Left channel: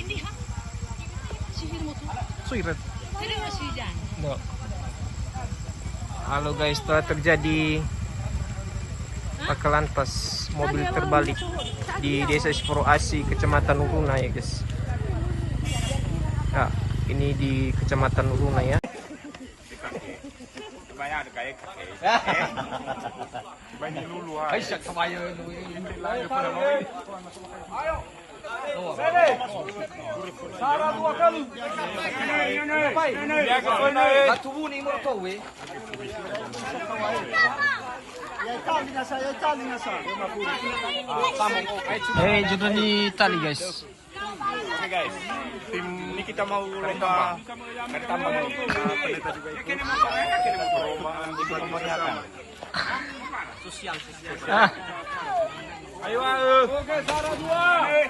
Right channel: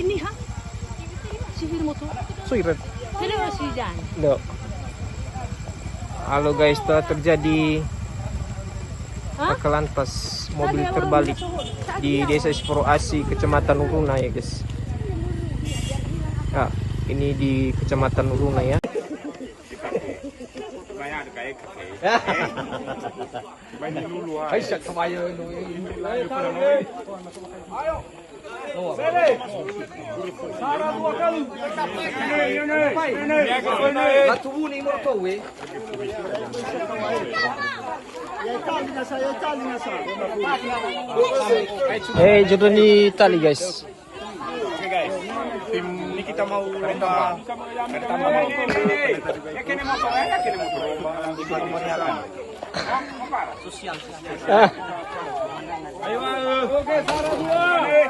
ini ha? Sihir mo to? Suirat. Ini mas Widan. No. Halo guys, telah terjadi kecelakaan pas mobil terbalik di Desa Siporo Asi, Kecamatan Uruna ya guys. Ya, ini di Kecamatan Uruna ya. Hey, jodoh ni tali guys. Oke guys, tim ini kita mau lomba pertama sosial. Ayo, oke, Sarah Muai.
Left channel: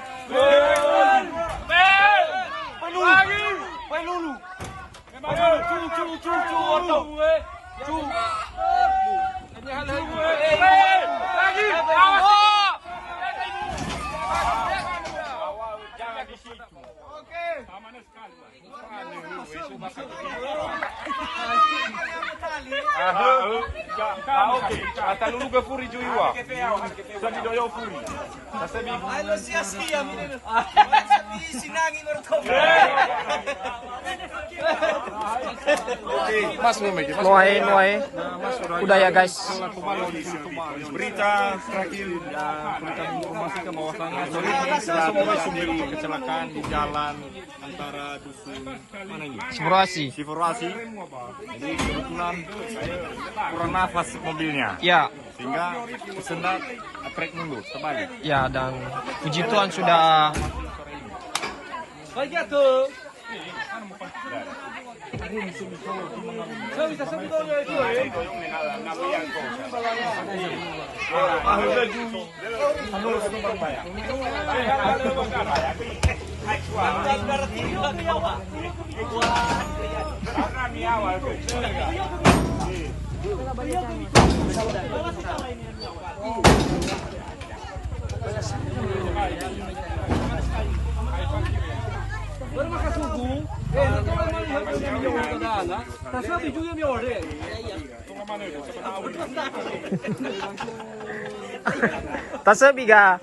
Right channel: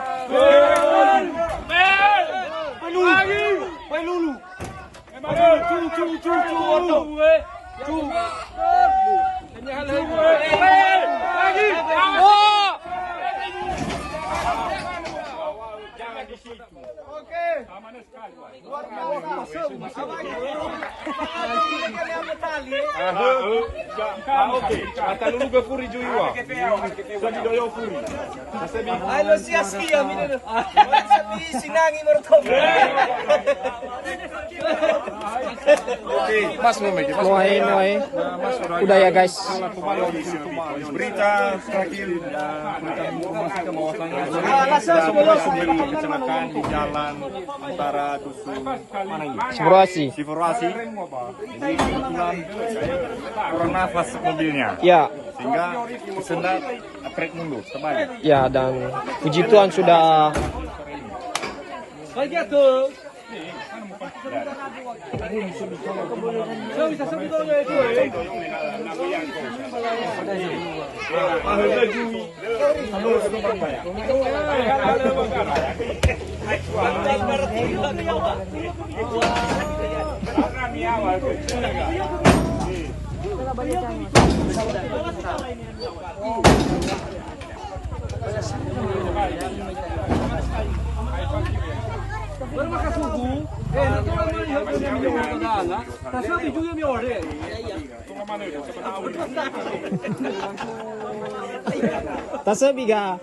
Udah ya guys. Berita terakhir berita menginformasikan bahwasannya sudah terjadi kecelakaan di jalan antara dusun mana ini? Siforasi. Jadi kebetulan kurang nafas mobilnya. Ya. Sehingga kesendat trek mundur terbalik. Ya, dan puji Tuhan sudah Tasabi ka.